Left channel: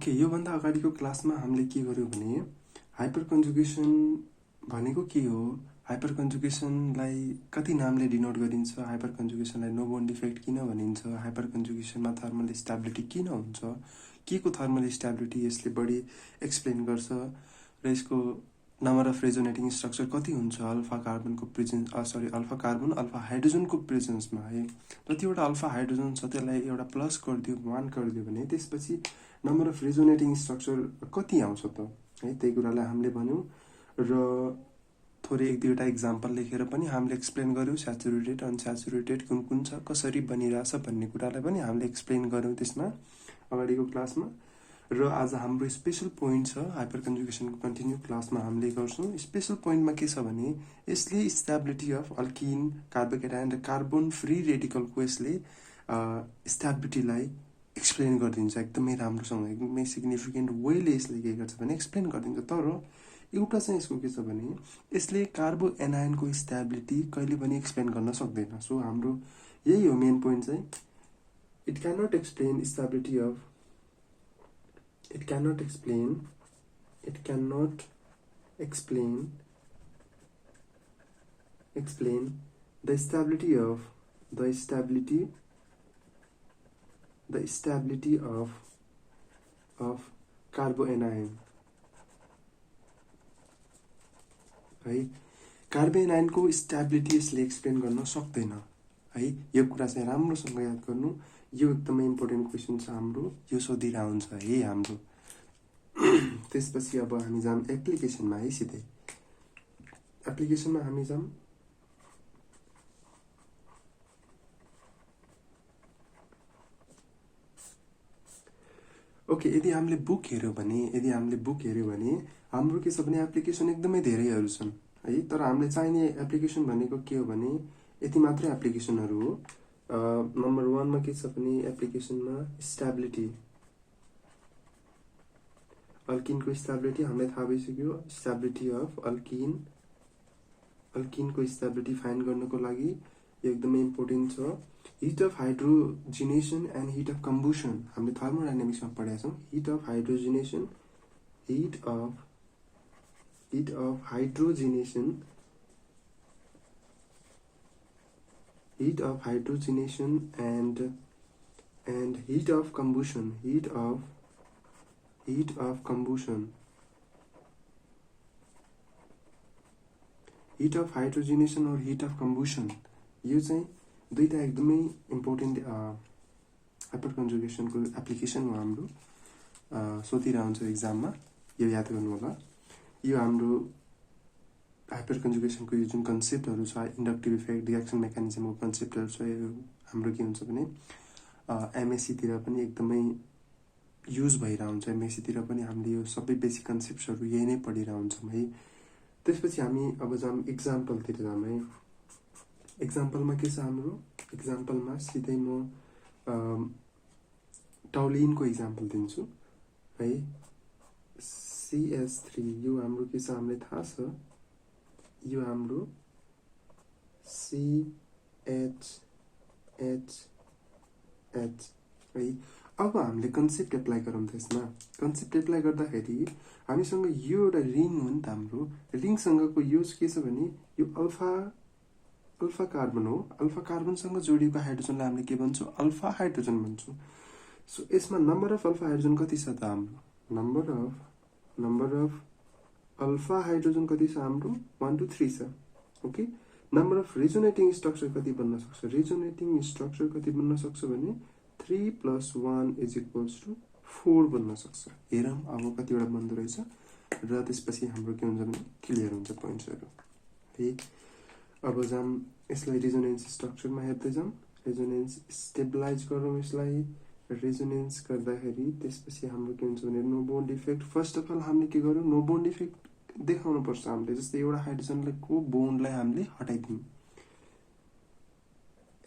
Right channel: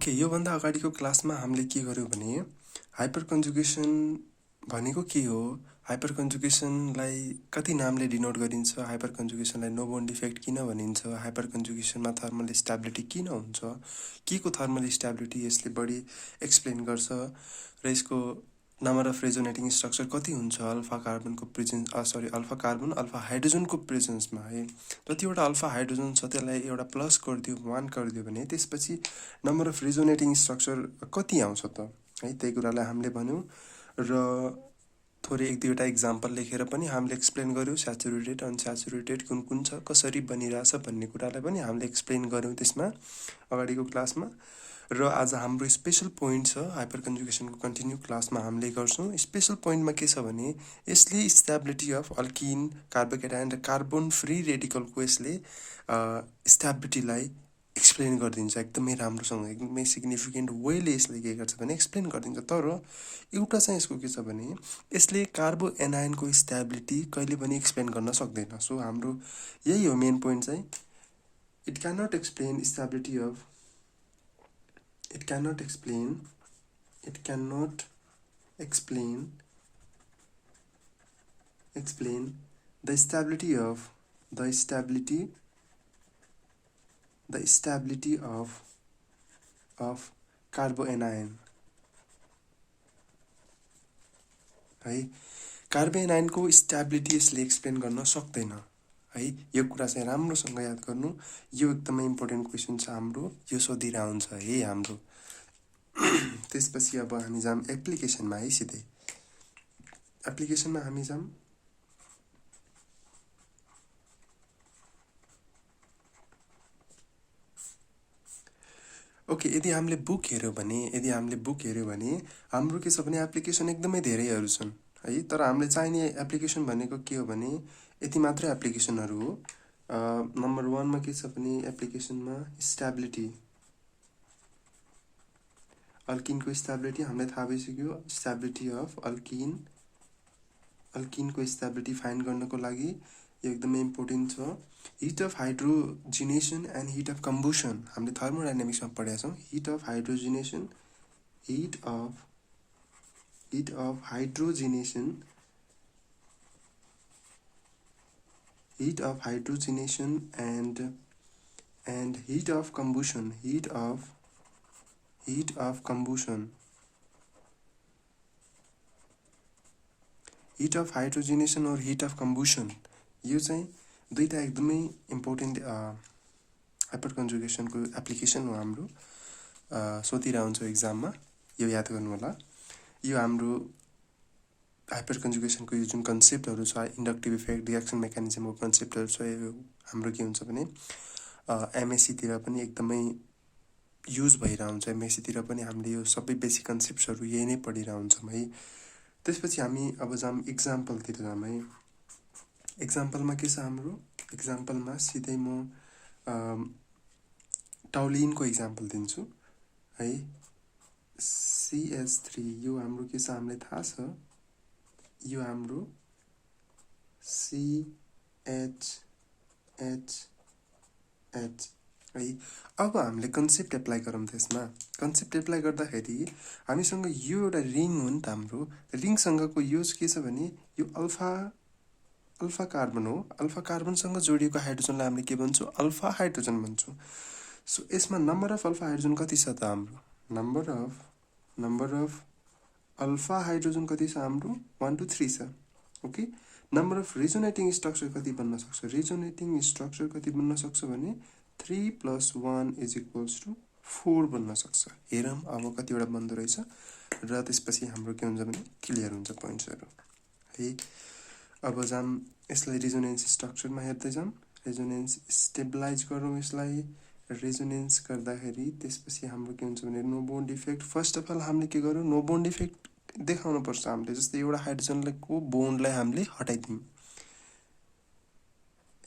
Okay, योभन्दा अगाडिको क्लासमा हामीले के गर्यौँ भने हाइपर कन्जुगेसन भनेको के हो, हाइपर कन्जुगेसनलाई कति नामले डिनोट गरिन्छ, हाइपर कन्जुगेसनलाई नो बोन्ड इफेक्ट किन भनिन्छ, हाइपर कन्जुगेसनमा थर्मल स्टेबिलिटी किन हुन्छ, के को थर्मल स्टेबिलिटी यसले बढी एक्सप्लेन गर्छ र यसको नम्बर अफ रेजोनेटिङ स्ट्रक्चर कति हुन्छ अल्फा कार्बनको प्रेजेन्स अल्फा हाइड्रोजनको प्रेजेन्समा है। जतिवटा अल्फा हाइड्रोजन छ त्यसलाई एउटा प्लस गरिदियो 1 गरिदियो भने त्यसपछि नम्बर अफ रेजोनेटिङ स्ट्रक्चर कति आउँछ त है, त्यही कुरालाई हामीले भन्यौँ र थोरै एक दुईवटा इक्जाम्पल लेखेर पनि हामीले एक्सप्लेन गर्यौँ स्याचुरेटेड अनस्याचुरेटेड कुन कुन छ, कसरी बनिरहेछ भन्ने कुरालाई पनि हामीले एक्सप्लेन गर्यौँ त्यसमा अगाडिको क्लासमा। र आज हाम्रो स्पेसल पोइन्ट छ हाइपर कन्जुगेसनको कन्टिन्यू क्लासमा हामीले गर्छौँ। स्पेसल पोइन्टमा के छ भने यसले स्टेबिलिटी अफ अल्किन कार्बोकेटायन र कार्बन फ्री रेडिकलको यसले स्टेबिलिटीलाई एक्सप्लेन गरिदिन्छ एकदमै राम्रोसँग, एकदमै सिग्निफिकेन्ट वेले यसले के गर्छ भने एक्सप्लेन गरिदिन्छ। तर एउटा चाहिँ यसको के छ भने यसले कार्बो एनायनको स्टेबिलिटी कहिले पनि एक्सप्लेन गर्न सक्दैन। सो हाम्रो यही हो मेन पोइन्ट चाहिँ, it cannot explain stability of it cannot explain the stability of कार्बोएनायन है। कार्बोएनायनको स्टेबिलिटी यसले एक्सप्लेन गर्न सक्दैन है। यो कुरा चाहिँ राम्रोसँग याद गर्नु, यो एकदमै इम्पोर्टेन्ट क्वेसन छ हाम्रो, यो सोधिरह हुन्छ है हाम्रो। त्यसपछि अब हामी जाम एप्लिकेसनमा है, सिधै एप्लिकेसनमा हामी जाम। ओके, यदि हामीले बुक हेऱ्यौँ भने हाम्रो के छ भने एप्लिकेसन एकदमै धेरैहरू छन् है। तर हामीले चाहिने एप्लिकेसन भनेको के हो भने यति मात्र एप्लिकेसनहरू हो। नम्बर 1 मा के छ भने एप्लिकेसनमा स्टेबिलिटी, अल्किनको स्टेबिलिटी हामीलाई थाहा भइसक्यो। स्टेबिलिटी अफ अल्किनको स्टेबिलिटी फाइन्ड गर्नको लागि यो एकदमै इम्पोर्टेन्ट छ। Heat of hydrogenation and heat of combustion हामीले थर्मोडाइनामिक्समा पढेका छौँ। Heat of hydrogenation and heat of combustion, heat of hydrogenation और हिट अफ कम्बुसन, यो चाहिँ दुईटा एकदमै इम्पोर्टेन्ट हाइपर कन्जुगेसनको एप्लिकेसन हो हाम्रो। सोधिरह हुन्छ एक्जाममा, यो याद गर्नु होला। यो हाम्रो हाइपर कन्जुगेसनको यो जुन कन्सेप्टहरू छ, इन्डक्टिभ इफेक्ट, रिएक्सन मेकानिजमको कन्सेप्टहरू छ, यो हाम्रो के हुन्छ भने एमएससीतिर पनि एकदमै युज भइरहेको हुन्छ। एमएससीतिर पनि हामीले यो सबै बेसिक कन्सेप्ट्सहरू यही नै पढिरहेको हुन्छौँ है। त्यसपछि हामी अब जाम इक्जाम्पलतिर जाम है। इक्जाम्पलमा के छ हाम्रो, इक्जाम्पलमा सिधै म टाउलिनको इक्जाम्पल दिन्छु है। CH3 यो हाम्रो के छ हामीलाई थाहा छ, यो हाम्रो CHHH है। अब हामीले कन्सेप्ट एप्लाई गरौँ त्यसमा। कन्सेप्ट एप्लाई गर्दाखेरि हामीसँग यो एउटा रिङ हो नि त, हाम्रो रिङसँगको यो के छ भने यो अल्फा कार्बन हो। अल्फा कार्बनसँग जोडिएको हाइड्रोजनलाई हामीले के भन्छौँ, अल्फा हाइड्रोजन भन्छौँ। सो यसमा नम्बर अफ अल्फा हाइड्रोजन कति छ त हाम्रो, नम्बर अफ अल्फा हाइड्रोजन कति छ हाम्रो 1 2 3 छ। Okay, number of resonating structure कति बन्न सक्छ, रेजोनेटिङ स्ट्रक्चर कति बन्न सक्छ भने 3 + 1 = 4 बन्न सक्छ। हेरौँ अब कतिवटा बन्दो रहेछ र त्यसपछि हाम्रो के हुन्छ भने क्लियर हुन्छ पोइन्ट्सहरू है। अब जाम यसलाई रेजोनेन्स स्ट्रक्चरमा हेर्दै जाम। रेजोनेन्स स्टेबलाइज गरौँ यसलाई। रेजोनेन्स गर्दाखेरि त्यसपछि हाम्रो के हुन्छ भने no bond effect. First of all हामीले के गरौँ, नो बोन्ड इफेक्ट देखाउनु पर्छ हामीले। जस्तै एउटा हाइड्रोजनलाई को बोन्डलाई हामीले हटाइदिउँ,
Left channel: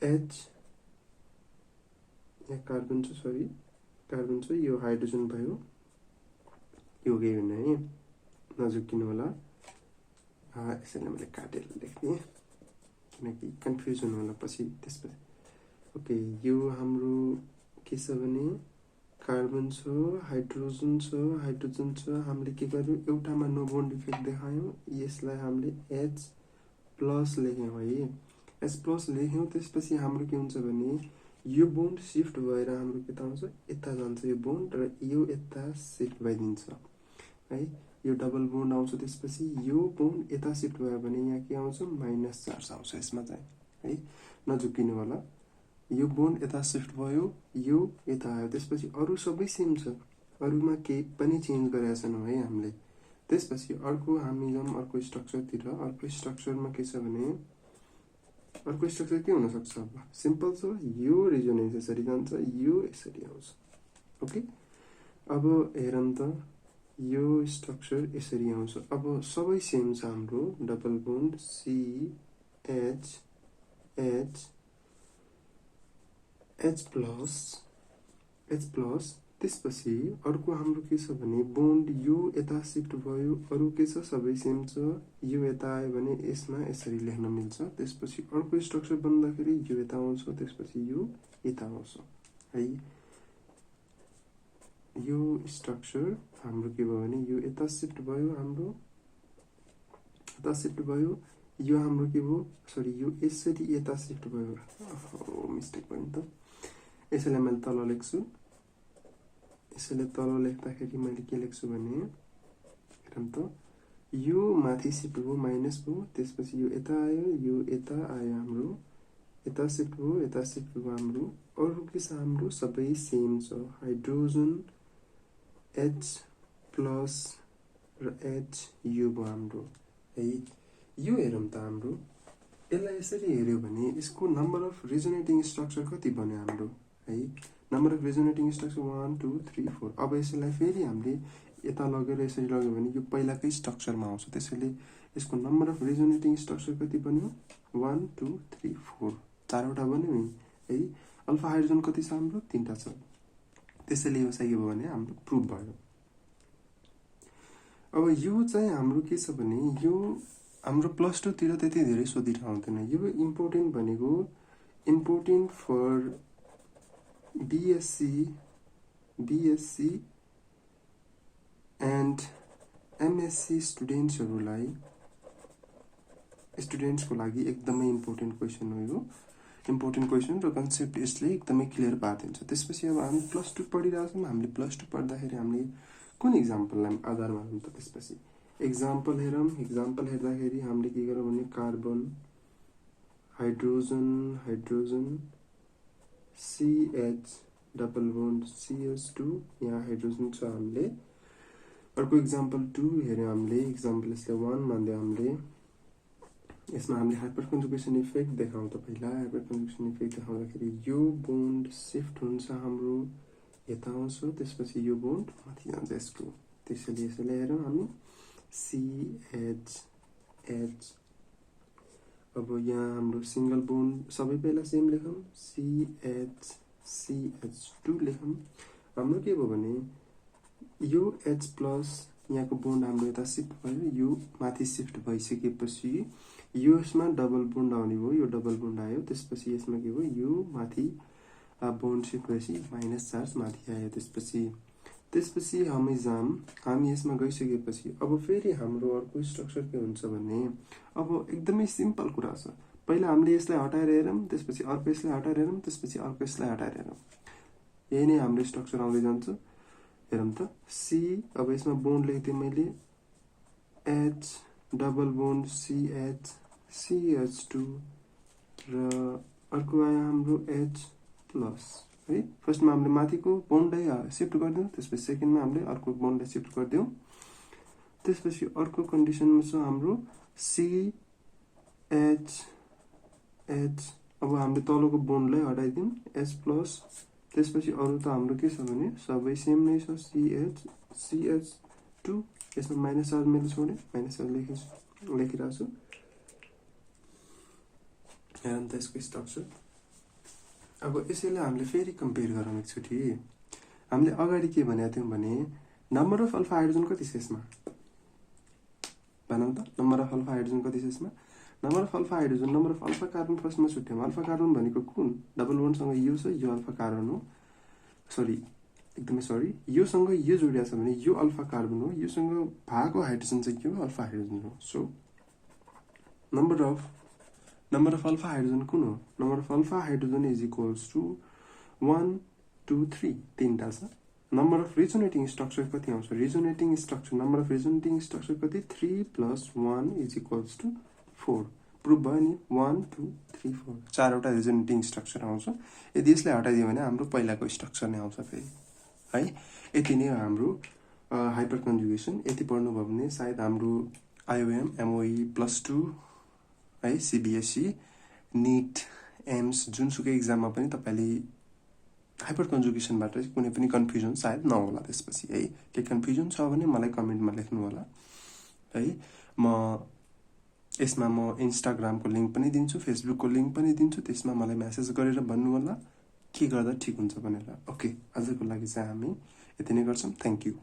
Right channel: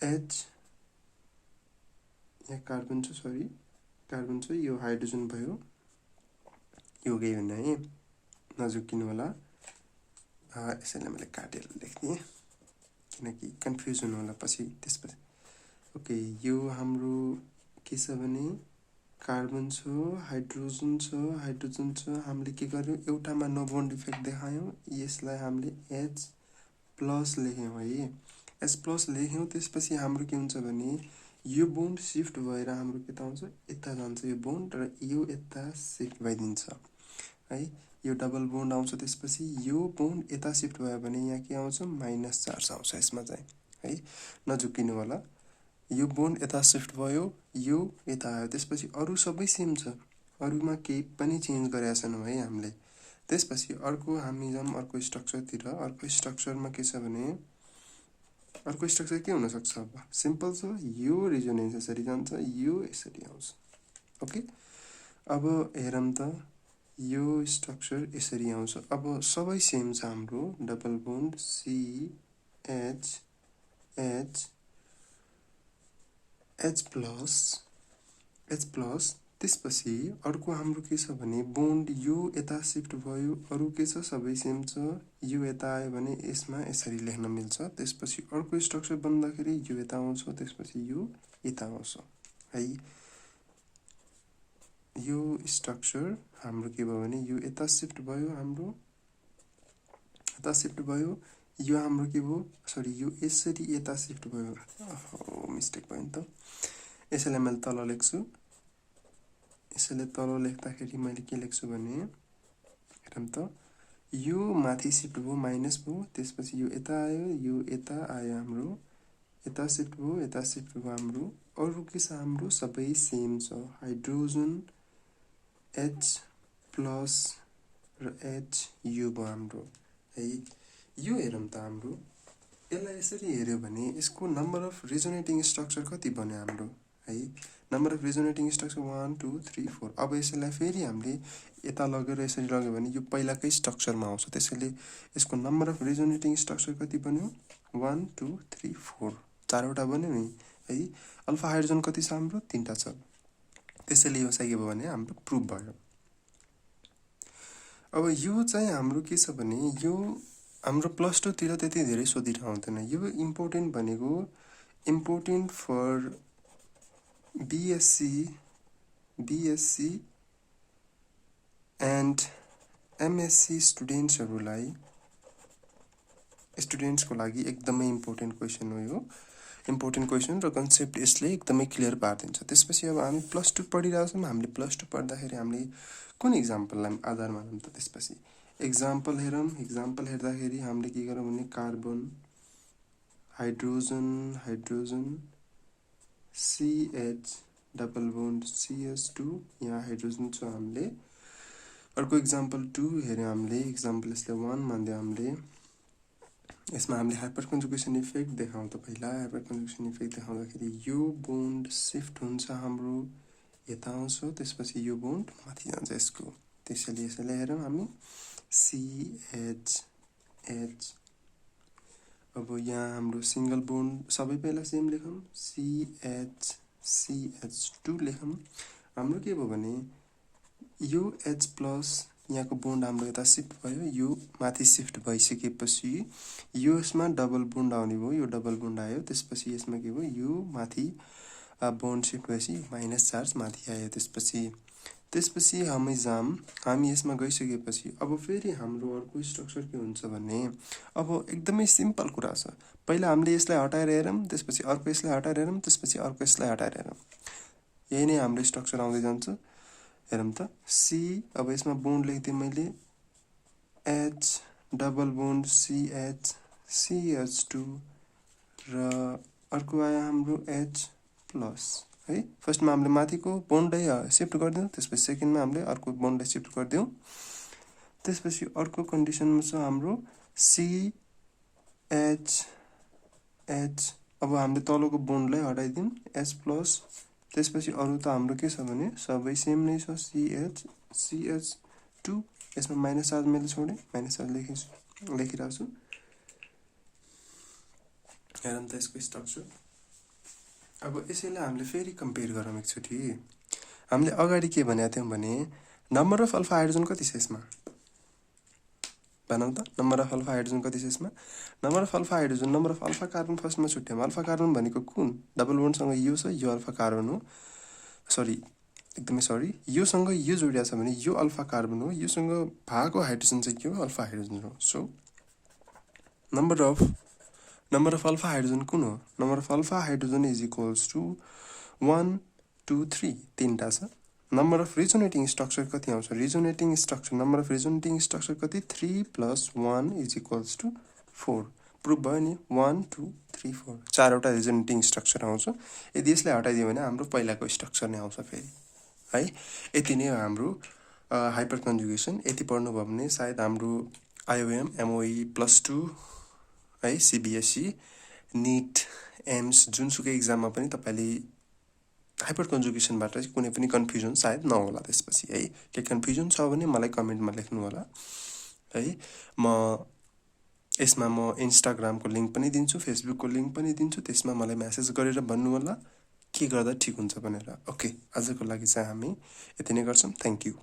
एच यहाँ कार्बन छ, यो हाइड्रोजन भयो, यो गयो भने है नझुक्किनु होला। यसैलाई मैले काटेर लेख्दिएँ किनकि कन्फ्युजन होला पछि त्यसपछि। ओके, यो हाम्रो के छ भने कार्बन छ, हाइड्रोजन छ, हाइड्रोजन छ। हामीले के गर्यौँ, एउटामा नो बोन्ड इफेक्ट देखायौँ, यसलाई हामीले H प्लस लेख्यौँ है। H प्लस लेख्यौँ, त्यसपछि हाम्रो के हुन्छ भने यो बोन्ड सिफ्ट भएर हाम्रो के त हुन्छ, यता जान्छ यो बोन्ड र यो यता सिफ्ट भइदिन्छ है। यो डबल बोन्ड आउँछ, त्यसपछि यो बोन्ड यता सिफ्ट भयो भने यहाँ के आउँछ, माइनस चार्ज आउँछ यसमा चाहिँ है। नझुक्किनु होला, यो बोन्ड यता सिफ्ट भयो, यो यता आयो, त्यसपछि अरू सबै सेम छ, अरूमा केही पनि चेन्ज गरेका छैनौँ है हामीले। त्यसपछि अर्को हामी जाउँ अर्को स्ट्रक्चरतिर। अर्को स्ट्रक्चरमा के छ भने, अर्को स्ट्रक्चर के हुनसक्छ, अब सिम्पल छ, यो रेजोनेन्स यसरी जान्छ, यो यसरी आउँछ। ओके, अब हेरौँ त, यो स्ट्रक्चर यसरी आउँछ। अब सबै सेम छ हाम्रो, double bond CH H plus. त्यसपछि अर्को हाम्रो के छ भने बोन्ड यो यता सिफ्ट भयो, अरू के छ, सबै सेम छ, यो यता आयो भने यसमा यसरी लेख्न मिल्छ। त्यसपछि अर्को स्ट्रक्चर बन्दाखेरि यो यता आउँछ, त्यसपछि यो यता आउँछ है। यो स्ट्रक्चर हाम्रो के भयो भने यो यता सिफ्ट भयो, हाम्रो यता सिफ्ट भयो, यो हाम्रो के भयो, सरी यो यसरी यता सिफ्ट भयो, मिस्टेक भयो नि त। यसैले मैले तल लेख्छु, यसैले तल लेख्दाखेरि मैले के लेख्छु भने, हेरौँ त, यो माथि सिफ्ट भयो, माइनस भयो, त्यसपछि यो यता आयो, यो यता आयो, हाम्रो यता सिफ्ट भयो, यता सिफ्ट भयो हाम्रो। अरू के छ, हाम्रो सबै सेम छ, हाइड्रोजन H प्लस र H यो भयो हाम्रो है। यो हेरौँ त, हाम्रो यसलाई यसरी हेऱ्यो भने यसको नम्बर अफ रेजोनेटिङ स्ट्रक्चर कति बन्यो हाम्रो है। Number of resonating structure 1 2 3 4। अब यसलाई फेरि हामीले यता लगेर यसरी लग्यो भने यो पहिलाकै स्ट्रक्चरमा आउँछ, त्यसैले यसको नम्बर अफ रेजोनेटिङ स्ट्रक्चर कति बन्यो, 1 2 3 4, चारवटा बन्यो नि है। अल्फा हाइड्रोजन कति छ हाम्रो, 3टा छ, त्यसैले यो चाहिँ के भयो भने हाम्रो प्रुभ भयो। अब यो चाहिँ हाम्रो के छ भने, यो हाम्रो +2 तिर त्यति धेरै सोधिरहँदैन। यो इम्पोर्टेन्ट भनेको, important for BSc and MSc स्टुडेन्ट्सको लागि एकदमै इम्पोर्टेन्ट क्वेसन हो यो। इम्पोर्टेन्ट क्वेसन र कन्सेप्ट यसले एकदमै क्लियर पारिदिन्छ। त्यसपछि अब हामी +2 पढिरहेको छौँ, हामीले +2 पढ्दाखेरि हामीले कुन इक्जाम्पललाई आधार मानौँ त। त्यसपछि इक्जाम्पल हेरौँ, इक्जाम्पल हेर्दाखेरि हामीले के गरौँ भने carbon, hydrogen CH double bond CH2, यहाँ हाइड्रोजन छ हामीले। अर्को इक्जाम्पल 2 हेऱ्यौँ हामीले, इक्जाम्पल यसले 1 मान्दियो हामीले। यसमा हामीले हाइपर कन्जुगेसन इफेक्ट देखाउँ त। पहिला हाइपर कन्जुगेसन इफेक्ट देखाउँदाखेरि यो बोन्ड सिफ्ट हुन्छ हाम्रो, यता आउँछ, त्यसपछि यो बोन्ड माथि जान्छ यसको, त्यसैले यसैले हेरौँ हामी CH H। अब यहाँ हाम्रो सिंगल बोन्ड सबै पहिला सेम लेखौँ, CH2 लेखौँ। हाम्रो के भयो भने यो H प्लस, यहाँको बोन्ड हाम्रो यता सिफ्ट भयो, यो माथि सिफ्ट भइसकेपछि यो यसमा डबल बोन्ड आउने भयो, यो डबल बोन्ड आयो, त्यसपछि यसमा के भयो, यो माथि बोन्ड सिफ्ट भएपछि माइनस चार्ज माथि आयो। त्यसपछि हामी यसमा गइसकेपछि अब फेरि हाम्रो अर्को स्ट्रक्चर के हुन्छ भने, अब एकदमै सिम्पल कुरा छ। पहिला हामीले यसलाई हटाएर हेरौँ, त्यसपछि अर्को यसलाई हटाएर हेरौँ, त्यसपछि अर्को यसलाई हटाएर हेरौँ, यही नै हाम्रो स्ट्रक्चर आउँदै जान्छ। हेरौँ त, अब यसमा बोन्ड लेख्दिएँ मैले, H डबल बोन्ड CH2 र अर्को आयो हाम्रो H प्लस है। फर्स्टमा हामीले माथिको बोन्डलाई सिफ्ट गरिदिउँ, त्यसपछि सेकेन्डमा हामीले अर्को बोन्डलाई सिफ्ट गरिदिउँ। त्यसपछि अर्को कन्डिसनमा छ हाम्रो CH। अब हामीले तलको बोन्डलाई हटाइदिउँ, H प्लस, त्यसपछि अरू त हाम्रो के छ भने सबै सेम नै छ, CH2। यसमा माइनस चार्ज मैले छोडेँ, माइनस चार्ज लेखिरहेको छु। हेरौँ त यसको स्ट्रक्चर। अब यसैले हामीले फेरि कम्पेयर गरौँ एकचोटि। हामीले अगाडि के भनेको थियौँ भने नम्बर अफ अल्फा हाइड्रोजन कति छ यसमा भनौँ त। नम्बर अफ अल्फा हाइड्रोजन कति छ यसमा, number of alpha hydrogen, number of alpha carbon फर्स्टमा छुट्याउँ। अल्फा कार्बन भनेको कुन, डबल बोन्डसँग यो छ, यो अल्फा कार्बन हो, सरी एकदमै सरी, योसँग यो जोडिएको छ भने यो अल्फा कार्बन हो, योसँग भएको हाइड्रोजन चाहिँ के हो, अल्फा हाइड्रोजन हो। So number of alpha hydrogen कुन हो, number of alpha hydrogen is equals to 1 2 3 तीनटा छ। नम्बर अफ रिजोनेटिङ स्ट्रक्चर कति आउँछ, रिजोनेटिङ स्ट्रक्चर नम्बर अफ रिजोनेटिङ स्ट्रक्चर कति, 3 + 1 इज इक्वल्स टु 4। प्रुभ भयो नि, 1 2 3 4 चारवटा रिजोनेटिङ स्ट्रक्चर आउँछ। यदि यसलाई हटाइदियो भने हाम्रो पहिलाको स्ट्रक्चर नै आउँछ फेरि है। यति नै हो हाम्रो हाइपर कन्जुगेसन। यति पढ्नुभयो भने सायद हाम्रो आइओएम एमओई +2 है, सिबिएसई, निट, एम्स जुनसुकै इक्जाममा पनि तपाईँले हाइपर कन्जुगेसनबाट चाहिँ कुनै पनि कन्फ्युजन सायद नहोला त्यसपछि है। के कन्फ्युजन छ भने मलाई कमेन्टमा लेख्नु होला है। यसमा म इन्स्टाग्रामको लिङ्क पनि दिन्छु, फेसबुकको लिङ्क पनि दिन्छु, त्यसमा मलाई मेसेज गरेर भन्नु होला के गर्दा ठिक हुन्छ भनेर। ओके, आजको लागि चाहिँ हामी यति नै गर्छौँ। Thank you.